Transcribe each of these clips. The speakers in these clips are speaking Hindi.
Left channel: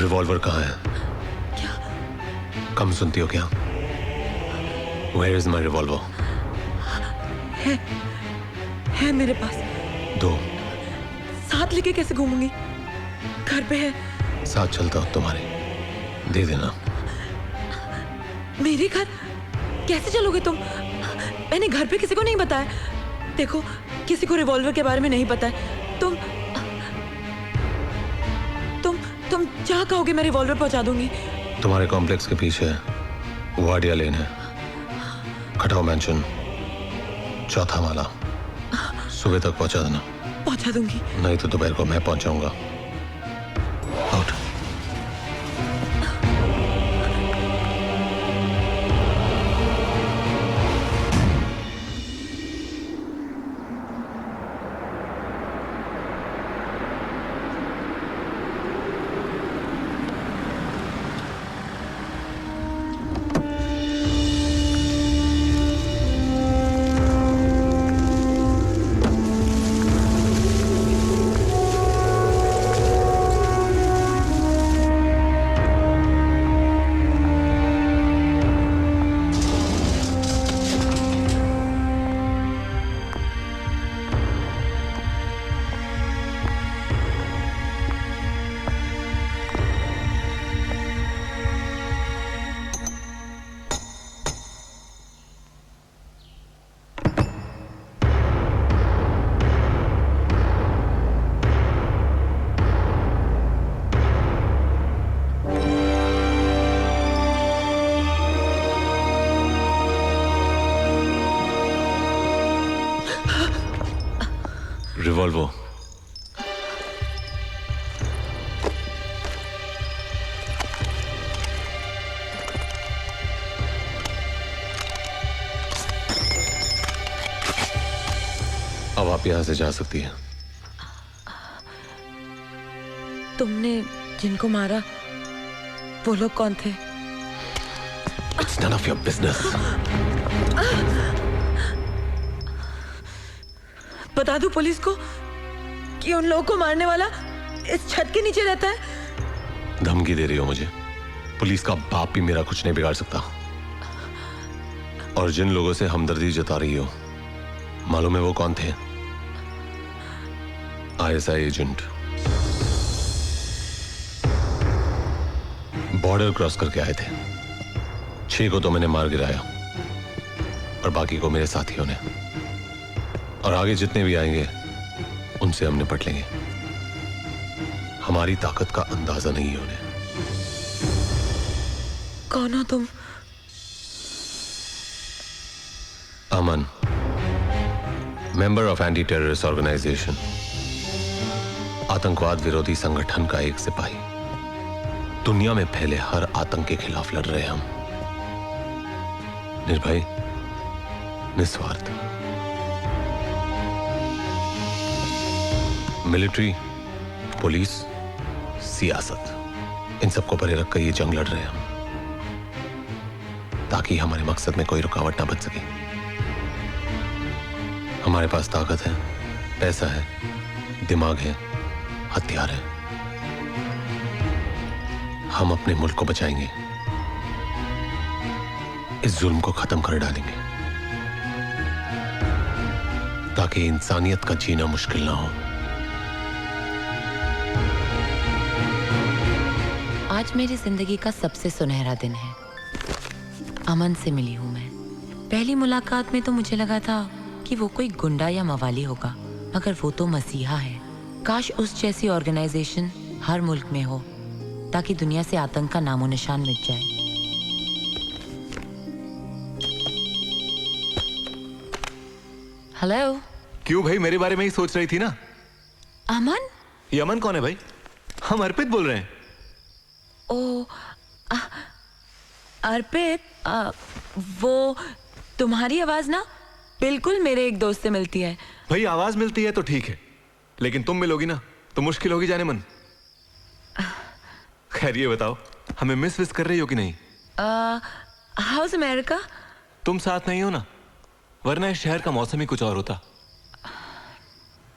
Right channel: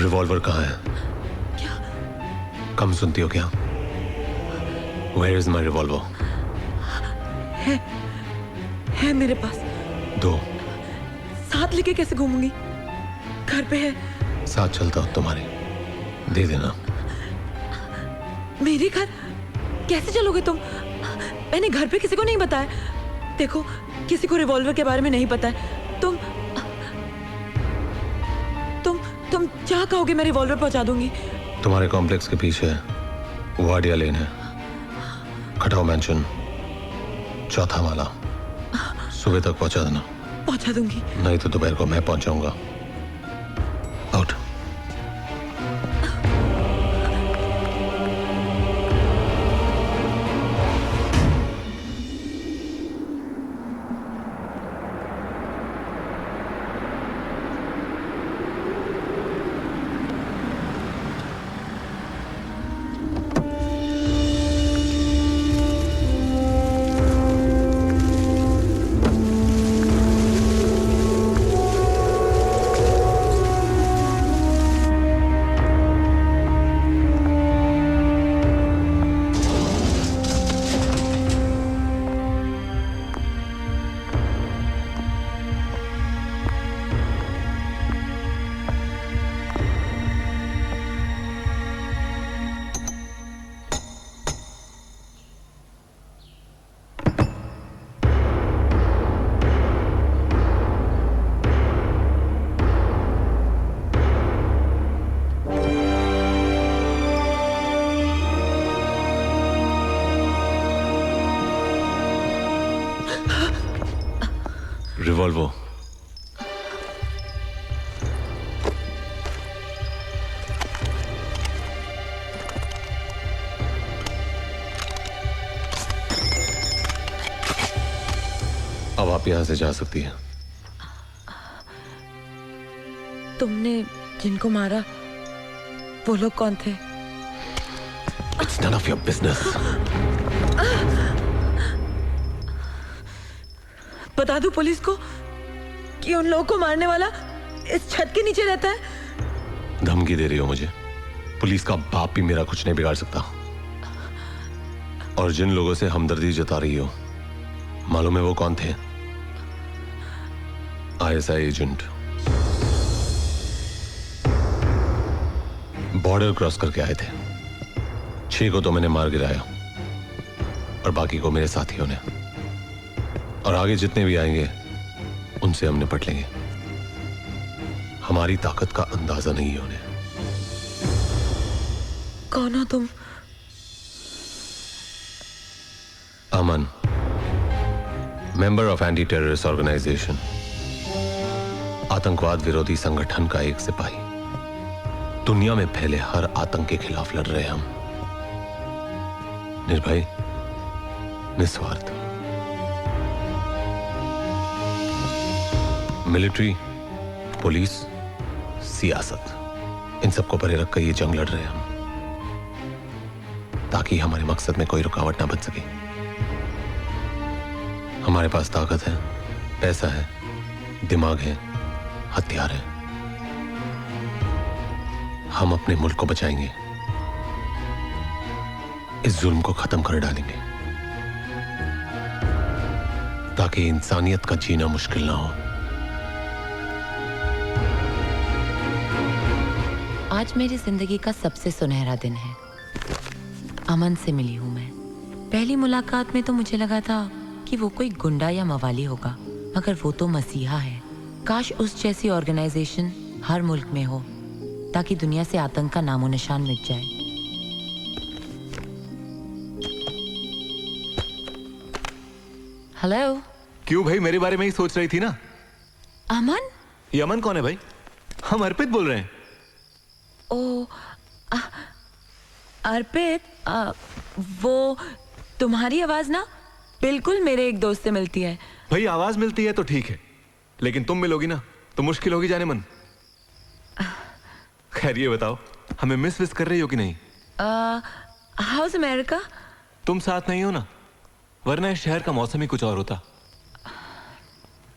रिवॉल्वर कहाँ है? क्या? कम सुनती हो क्या? Where is my revolver? है मेरे पास। दो। साथ लेके कैसे घूमूंगी? घर पे है। साथ चलता हूँ तुम्हारे, दे देना। मेरे घर कैसे चलोगे तुम? मैंने घर पे किसी को नहीं बताया। देखो, किसी को रिवॉल्वर के बारे में नहीं पता है। तुम क्या कहोगे? मैं रिवॉल्वर पहुंचा दूंगी। तुम्हारे कॉम्प्लेक्स के पीछे वाडिया लेन है, खटाव मैंशन, चौथा वाला। सुबह तक पहुंचा देना। पहुंचा दूंगी। नहीं तो दोपहर को मैं पहुंचाऊंगा। आउट। रिवॉल्वर। अब आप यहां से जा सकती हैं। तुमने जिनको मारा वो लोग कौन थे? It's none of your business. बता दूं पुलिस को कि उन लोगों को मारने वाला इस छत के नीचे रहता है? धमकी दे रही हो मुझे? पुलिस का बाप भी मेरा कुछ नहीं बिगाड़ सकता। और जिन लोगों से हमदर्दी जता रही हो, मालूम है वो कौन थे? ISI agent. बॉर्डर क्रॉस करके आए थे। 6 को तो मैंने मार गिराया और बाकी को मेरे साथियों ने। और आगे जितने भी आएंगे उनसे हम निपट लेंगे। हमारी ताकत का अंदाजा नहीं है उन्हें। कौन हो तुम? Aman, member of anti terrorist organisation, आतंकवाद विरोधी संगठन का एक सिपाही। दुनिया में फैले हर आतंक के खिलाफ लड़ रहे हम, निर्भय, निस्वार्थ। मिलिट्री, पुलिस, सियासत, इन सबको परे रख कर ये जंग लड़ रहे हैं हम, ताकि हमारे मकसद में कोई रुकावट ना बन सके। हमारे पास ताकत है, पैसा है, दिमाग है, हथियार है। हम अपने मुल्क को बचाएंगे, इस जुल्म को खत्म कर डालेंगे, ताकि इंसानियत का जीना मुश्किल ना हो। आज मेरी जिंदगी का सबसे सुनहरा दिन है। अमन से मिली हूँ मैं। पहली मुलाकात में तो मुझे लगा था कि वो कोई गुंडा या मवाली होगा, मगर वो तो मसीहा है। काश उस जैसी ऑर्गेनाइजेशन हर मुल्क में हो, ताकि दुनिया से आतंक का नामो निशान मिट जाए। हेलो। क्यों भाई, मेरे बारे में ही सोच रही थी ना? अमन? ये अमन कौन है भाई? हम अर्पित बोल रहे हैं। ओ, अर्पित, वो तुम्हारी आवाज ना बिल्कुल मेरे एक दोस्त से मिलती है। भाई आवाज मिलती है तो ठीक है, लेकिन तुम मिलोगी ना तो मुश्किल होगी जाने मन। खैर ये बताओ, हमें मिस विस कर रही हो कि नहीं? House America? तुम साथ नहीं हो ना, वरना इस शहर का मौसम ही कुछ और होता।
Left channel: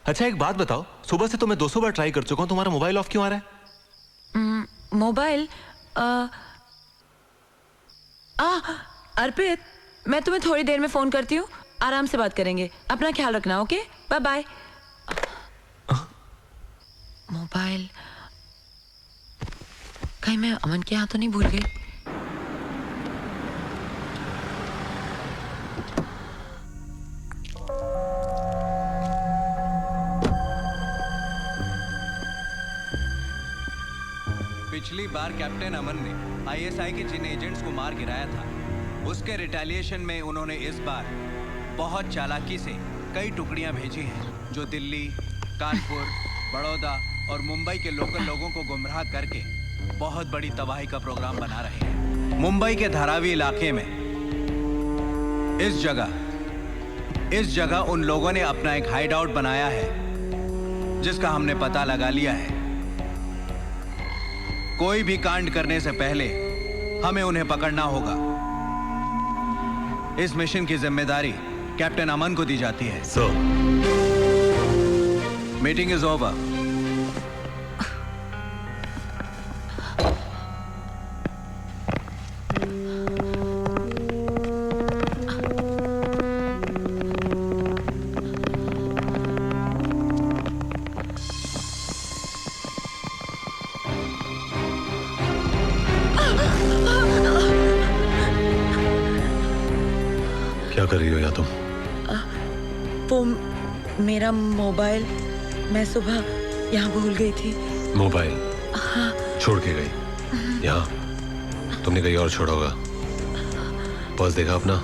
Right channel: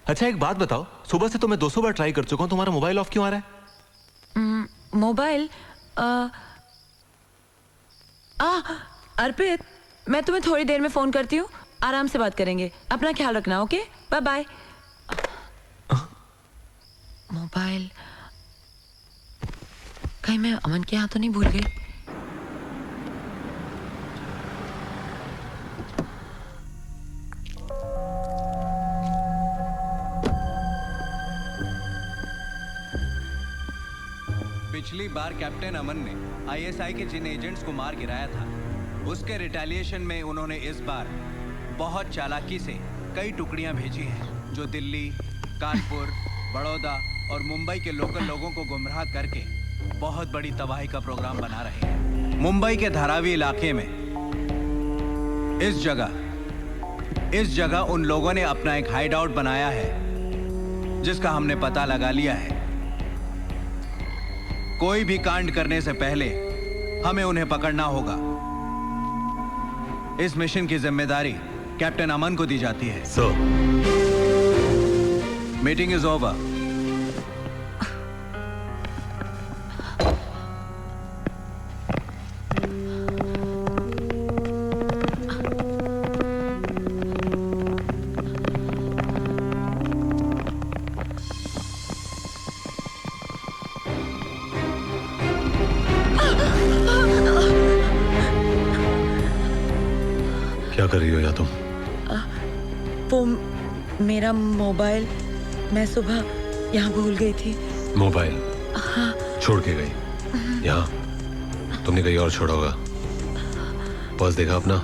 अच्छा एक बात बताओ, सुबह से तो मैं 200 बार ट्राई कर चुका हूँ, तुम्हारा मोबाइल ऑफ क्यों आ रहा है? मोबाइल अर्पित, मैं तुम्हें थोड़ी देर में फोन करती हूँ, आराम से बात करेंगे, अपना ख्याल रखना। Okay, bye bye. मोबाइल कहीं मैं अमन के यहाँ तो नहीं भूल गई? पिछली बार कैप्टन अमन ने आईएसआई के जिन एजेंट्स को मार गिराया था, उसके रिटेलिएशन में उन्होंने इस बार बहुत चालाकी से कई टुकड़ियां भेजी हैं जो दिल्ली, कानपुर, बड़ौदा और मुंबई के लोकल लोगों को गुमराह करके बहुत बड़ी तबाही का प्रोग्राम बना रहे हैं। मुंबई के धारावी इलाके में इस जगह उन लोगों ने अपना एक हाइड आउट बनाया है जिसका हमने पता लगा लिया है। कोई भी कांड करने से पहले हमें उन्हें पकड़ना होगा। इस मिशन की जिम्मेदारी कैप्टन अमन को दी जाती है। Sir, meeting is over. क्या कर रही हो या तुम? वो मेरा मोबाइल मैं सुबह यहाँ भूल गई थी। मोबाइल हाँ, छोड़ के गई यहाँ? तुमने कहीं और छोड़ा होगा। पर्स देखा अपना?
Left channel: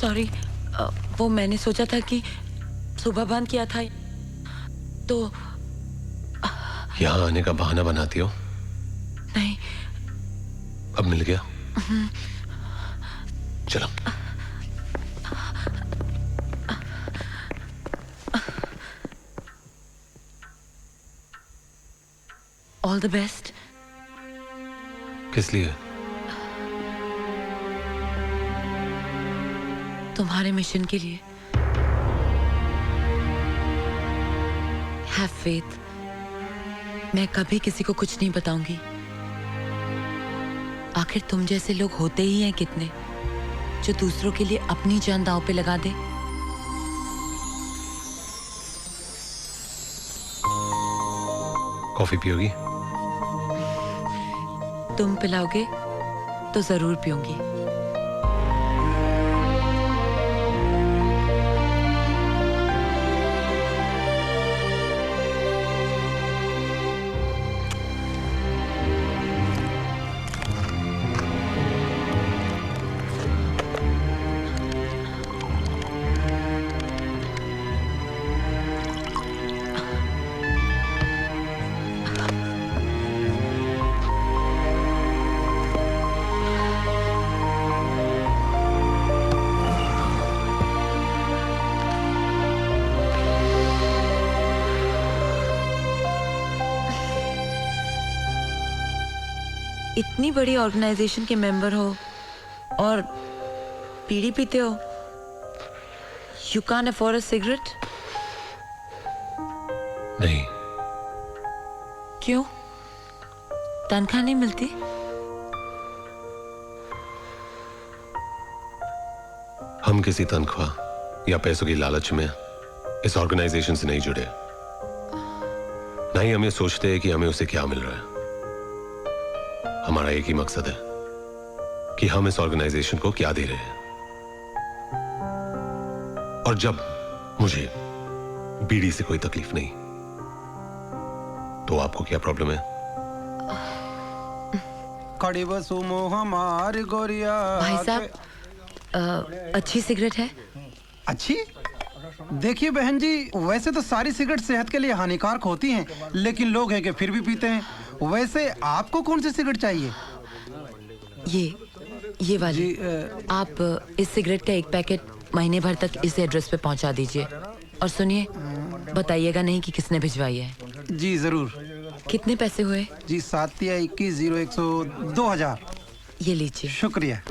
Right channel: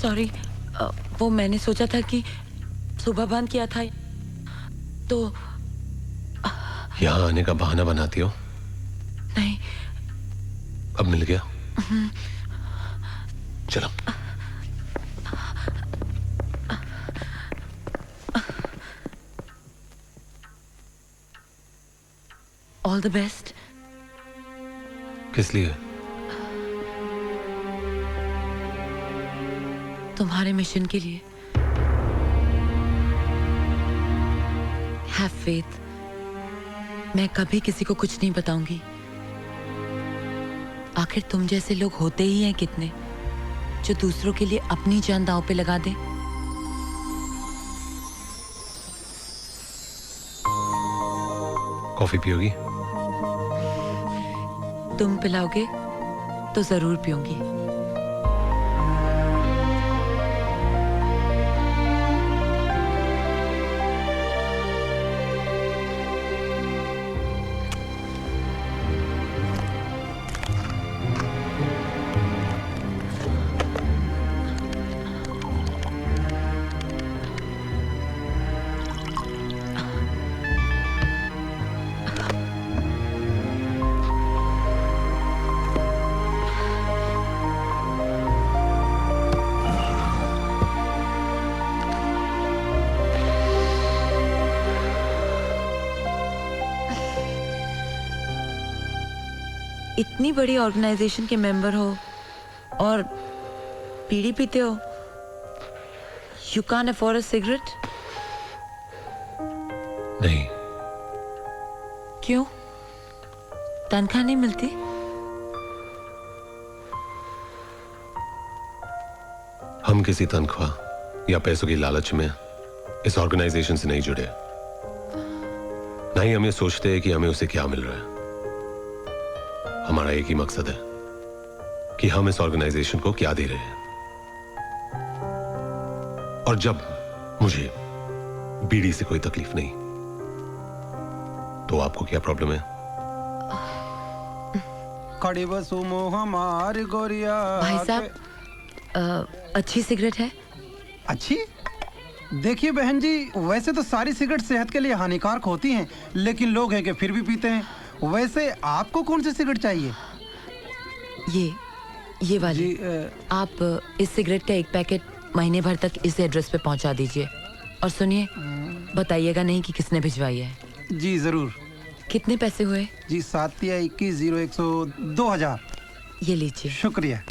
सॉरी, वो मैंने सोचा था कि सुबह बंद किया था तो यहाँ आने का बहाना बनाती हो? नहीं। अब मिल गया? चलो। All the best. किस लिए? तुम्हारे मिशन के लिए। Have faith. मैं कभी किसी को कुछ नहीं बताऊंगी। आखिर तुम जैसे लोग होते ही हैं कितने, जो दूसरों के लिए अपनी जान दांव पे लगा दे। कॉफी पियोगी? तुम पिलाओगे तो जरूर पीऊंगी। इतनी बड़ी ऑर्गेनाइजेशन के मेंबर हो और बीड़ी पीते हो। You can afford a cigarette? नहीं। क्यों? तनख्वाह नहीं मिलती? हम किसी तनख्वाह या पैसों की लालच में इस ऑर्गेनाइजेशन से नहीं जुड़े। ना ही हम ये सोचते हैं कि हमें उसे क्या मिल रहा है। हमारा एक ही मकसद है कि हम इस ऑर्गेनाइजेशन को क्या दे रहे हैं। और जब मुझे बीड़ी से कोई तकलीफ नहीं, तो आपको क्या प्रॉब्लम है? कड़ी बसुमो हमारी गोरिया। भाई साहब, अच्छी सिगरेट है? अच्छी? देखिए बहन जी, वैसे तो सारी सिगरेट सेहत के लिए हानिकारक होती हैं, लेकिन लोग हैं कि फिर भी पीते हैं। वैसे आपको कौन सी सिगरेट चाहिए? ये वाली। जी, आप इस सिगरेट का एक पैकेट महीने भर तक इस एड्रेस पे पहुंचा दीजिए। और सुनिए, बताइएगा नहीं कि किसने भिजवाई है। जी जरूर। कितने पैसे हुए? जी 7 या 21 0100 2000। ये लीजिए। शुक्रिया।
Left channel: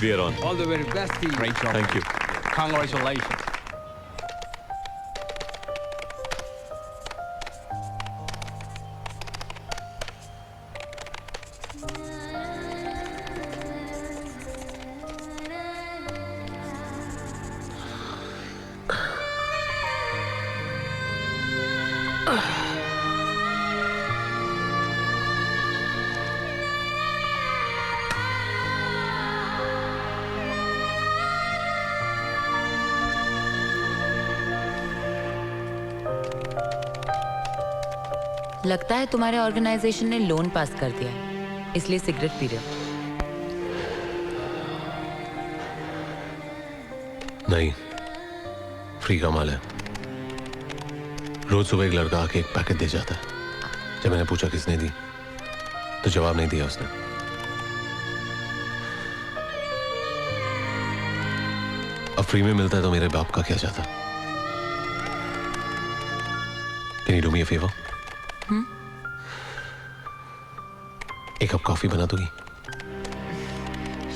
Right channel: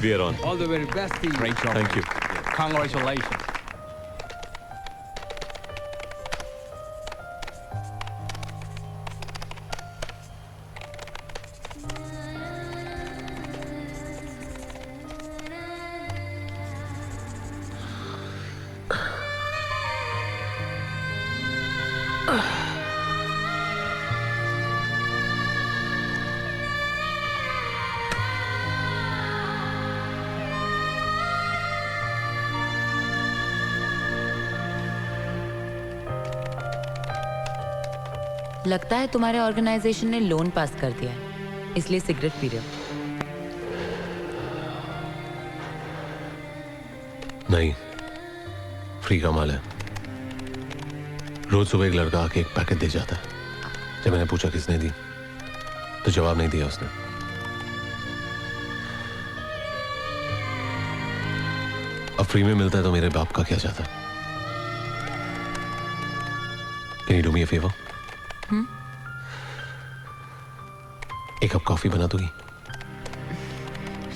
We are on. All the very best to you. Thank you. Congratulations. लगता है तुम्हारे ऑर्गेनाइजेशन ने लोन पास कर दिया है, इसलिए सिगरेट पी रहे हो। नहीं, फ्री का माल है। रोज सुबह एक लड़का आके एक पैकेट दे जाता है। जब मैंने पूछा किसने दी तो जवाब नहीं दिया उसने। अब फ्री में मिलता है तो मेरे बाप का क्या जाता। Can you do me a favor? एक कप कॉफी बना दोगी?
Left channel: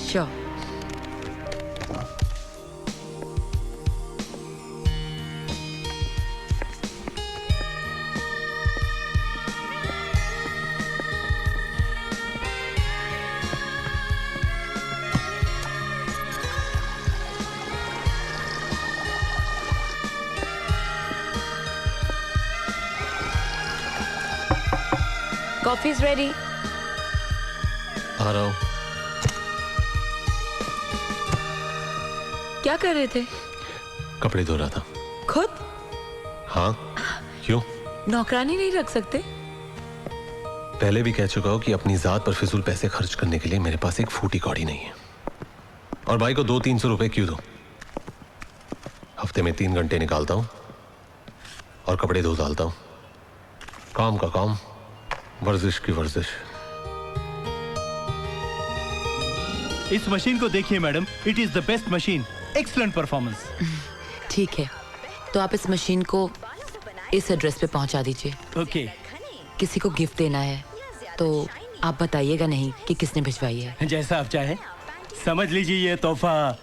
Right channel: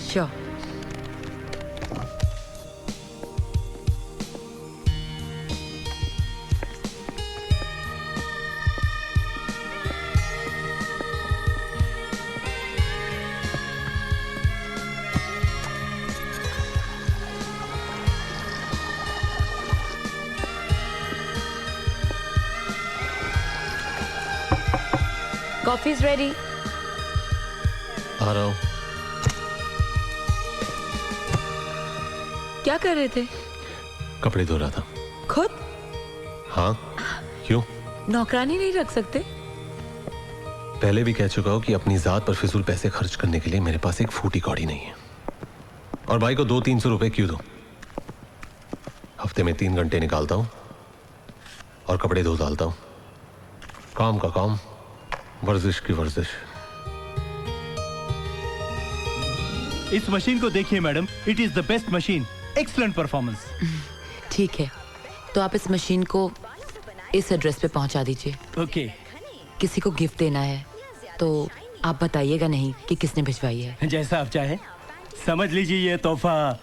श्योर। Coffee is ready. आ रहा हूं। क्या कर रहे थे? कपड़े धो रहा था। खुद? हाँ, क्यों? नौकरानी नहीं रख सकते? पहले भी कह चुका हूं कि अपनी जात पर फिजूल पैसे खर्च करने के लिए मेरे पास एक फूटी कौड़ी नहीं है। और भाई को 200-300 रुपए क्यों दो? हफ्ते में 3 घंटे निकालता हूं और कपड़े धो डालता हूं। काम का काम, वर्जिश की वर्जिश। इस मशीन को देखिए madam, it is the best machine, excellent performance. ठीक है, तो आप इस मशीन को इस एड्रेस पे पहुंचा दीजिए। ओके। किसी को गिफ्ट देना है तो आप बताइएगा नहीं कि किसने भिजवाई है। जैसा आप चाहें। समझ लीजिए ये तोहफा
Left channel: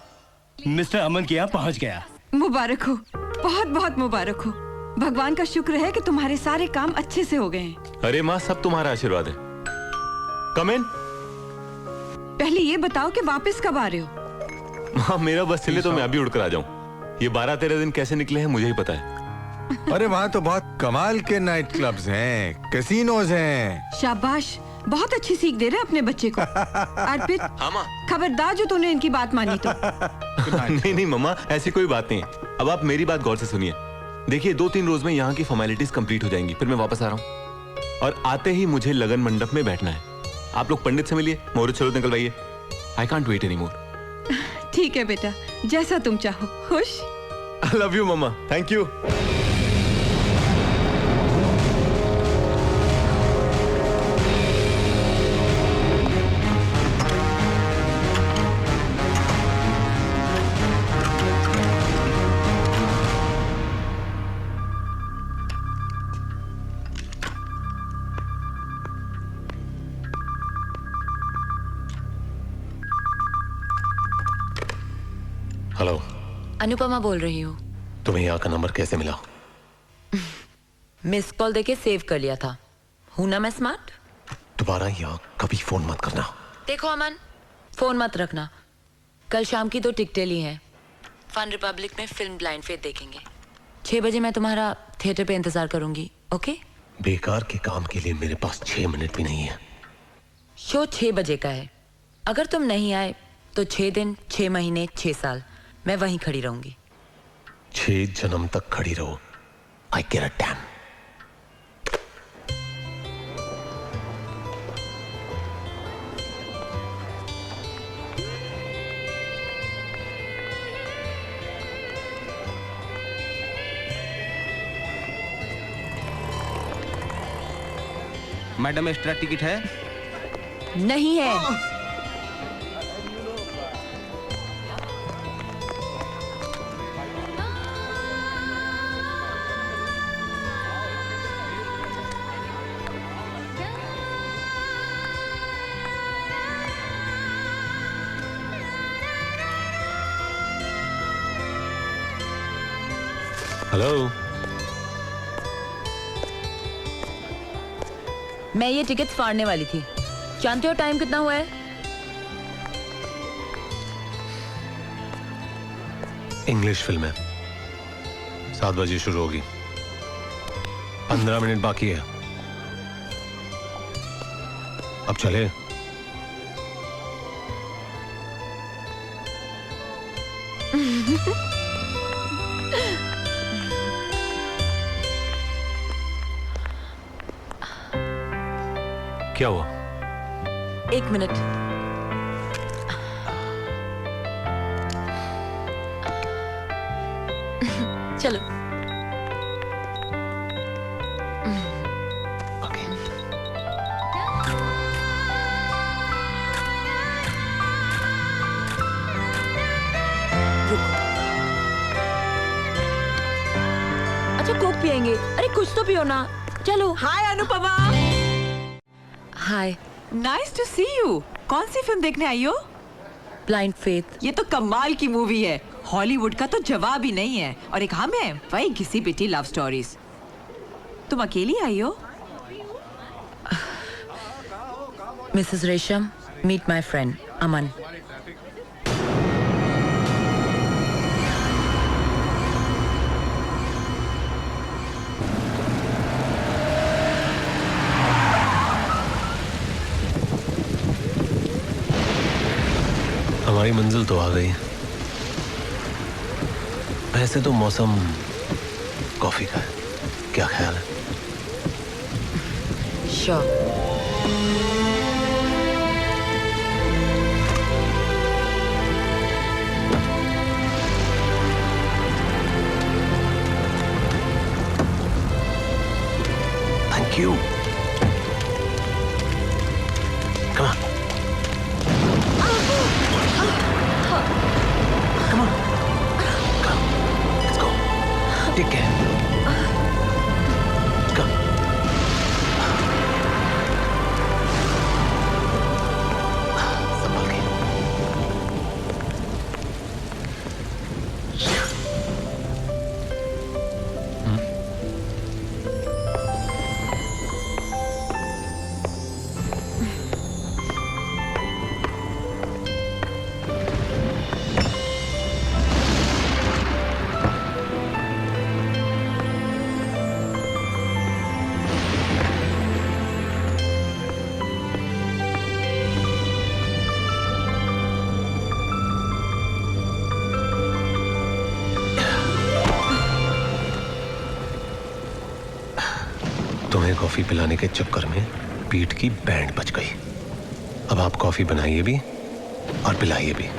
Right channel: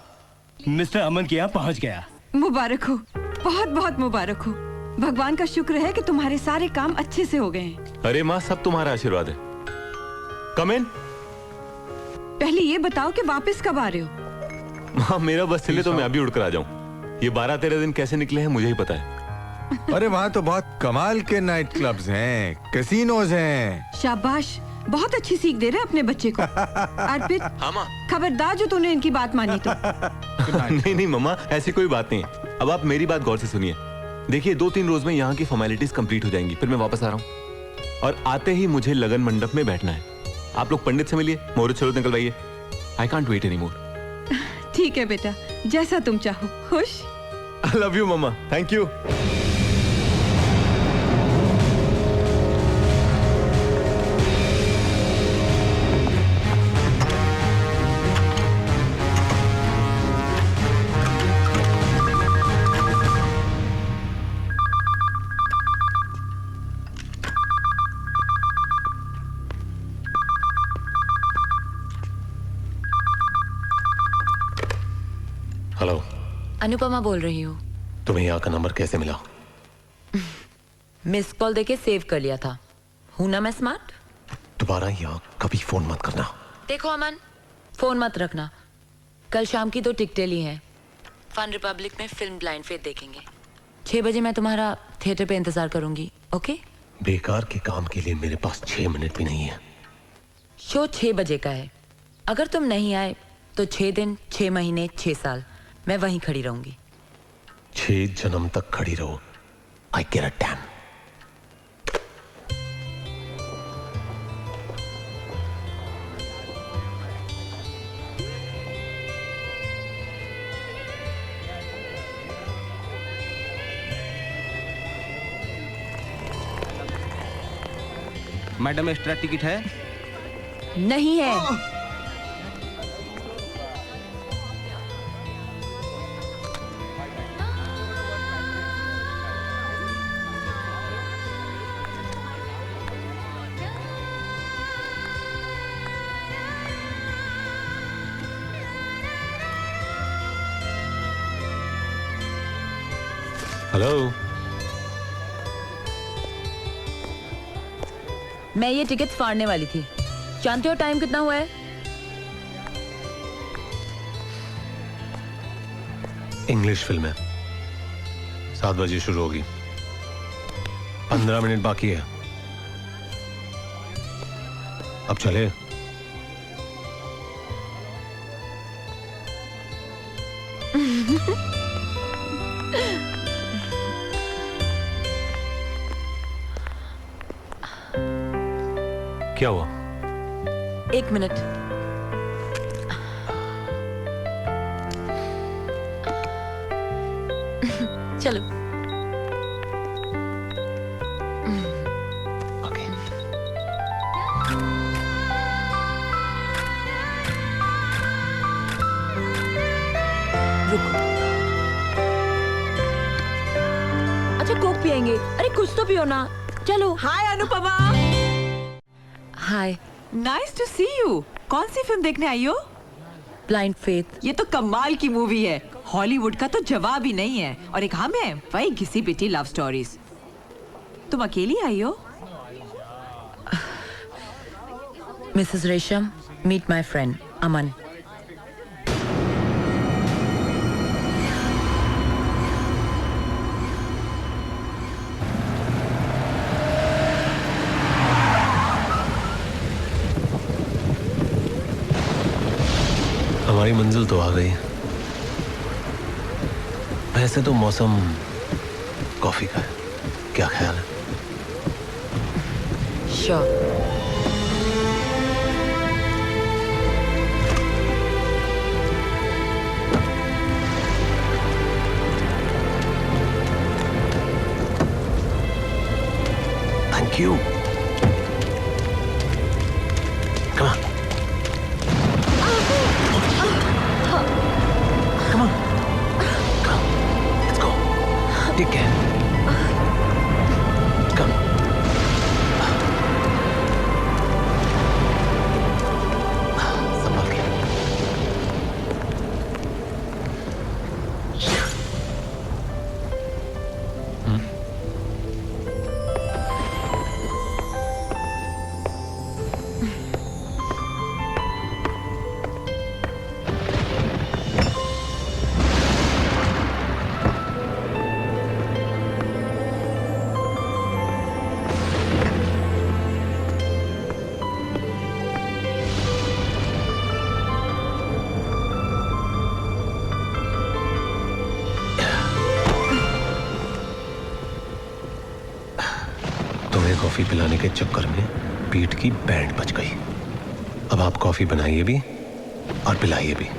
मिस्टर अमन के यहाँ पहुँच गया। मुबारक हो, बहुत बहुत मुबारक हो। भगवान का शुक्र है कि तुम्हारे सारे काम अच्छे से हो गए हैं। अरे माँ, सब तुम्हारा आशीर्वाद है। कम इन। पहले ये बताओ कि वापस कब आ रहे हो? माँ, मेरा बस चले तो मैं अभी उड़कर आ जाऊँ। ये 12-13 दिन कैसे निकले हैं मुझे ही पता है। अरे वहाँ तो बहुत कमाल के नाइट क्लब्स हैं, कैसीनोज हैं। शाबाश, बहुत अच्छी सीख दे रहे अपने बच्चे को। अर्पित, हाँ माँ। खबरदार जो तूने इनकी बात मानी तो। नहीं नहीं मम्मा, ऐसी कोई बात नहीं है। अब आप मेरी बात गौर से सुनिए। देखिए 2-3 रोज में यहाँ की फॉर्मेलिटीज कंप्लीट हो जाएंगी, फिर मैं वापस आ रहा हूँ। और आते ही मुझे लगन मंडप में बैठना है। आप लोग पंडित से मिलिए, मोहर छोड़ निकलवाइए। I can't wait any more. ठीक है बेटा, जैसा तुम चाहो। खुश? I love you mama, thank you. Hello, Anupama बोल रही हूँ। तुम्हें यहाँ का नंबर कैसे मिला? मिस कॉल देके सेव कर लिया था। हूं ना मैं स्मार्ट? दोबारा यहाँ कभी फोन मत करना। देखो अमन, फोन मत रखना। कल शाम की 2 टिकटें ली हैं। फन रिपब्लिक में फिल्म ब्लाइंड फेथ देखेंगे। 6 बजे मैं तुम्हारा थिएटर पे इंतजार करूंगी। ओके? बेकार के काम के लिए मेरे पास 6 मिनट भी नहीं है। शो 6 बजे का है। अगर तुम नहीं आए तो 6 दिन, 6 महीने, 6 साल मैं वहीं खड़ी रहूंगी। 6 जन्म तक खड़ी रहो। आई केयर अ डैम। मैडम एक्स्ट्रा टिकट है? नहीं है। हेलो। मैं ये टिकट फाड़ने वाली थी। जानते हो टाइम कितना हुआ है? इंग्लिश फिल्म है, 7 बजे शुरू होगी, 15 मिनट बाकी है। अब चले। क्या हुआ? 1 मिनट। चलो। ओके। रुको। अच्छा कोक पियेंगे? अरे कुछ तो पियो ना। चलो। Hi Anupama, hi. Nice to see you. कौन सी फिल्म देखने आई हो? Blind faith. ये तो कमाल की मूवी है, हॉलीवुड का तो जवाब ही नहीं है। और एक हम है वही घिसी पिटी लव स्टोरीज। तुम अकेली आई हो? मिसेस रेशम, मीट माय फ्रेंड अमन। हमारी मंजिल तो आ गई। वैसे तो मौसम कॉफी का है, क्या ख्याल है? Sure. Thank you. Come on. Come on. Come. Let's go. Take care. Come. संभल के। तुम्हें कॉफी पिलाने के चक्कर में पीठ की बैंड बच गई। अब आप कॉफी बनाइए भी और पिलाइए भी।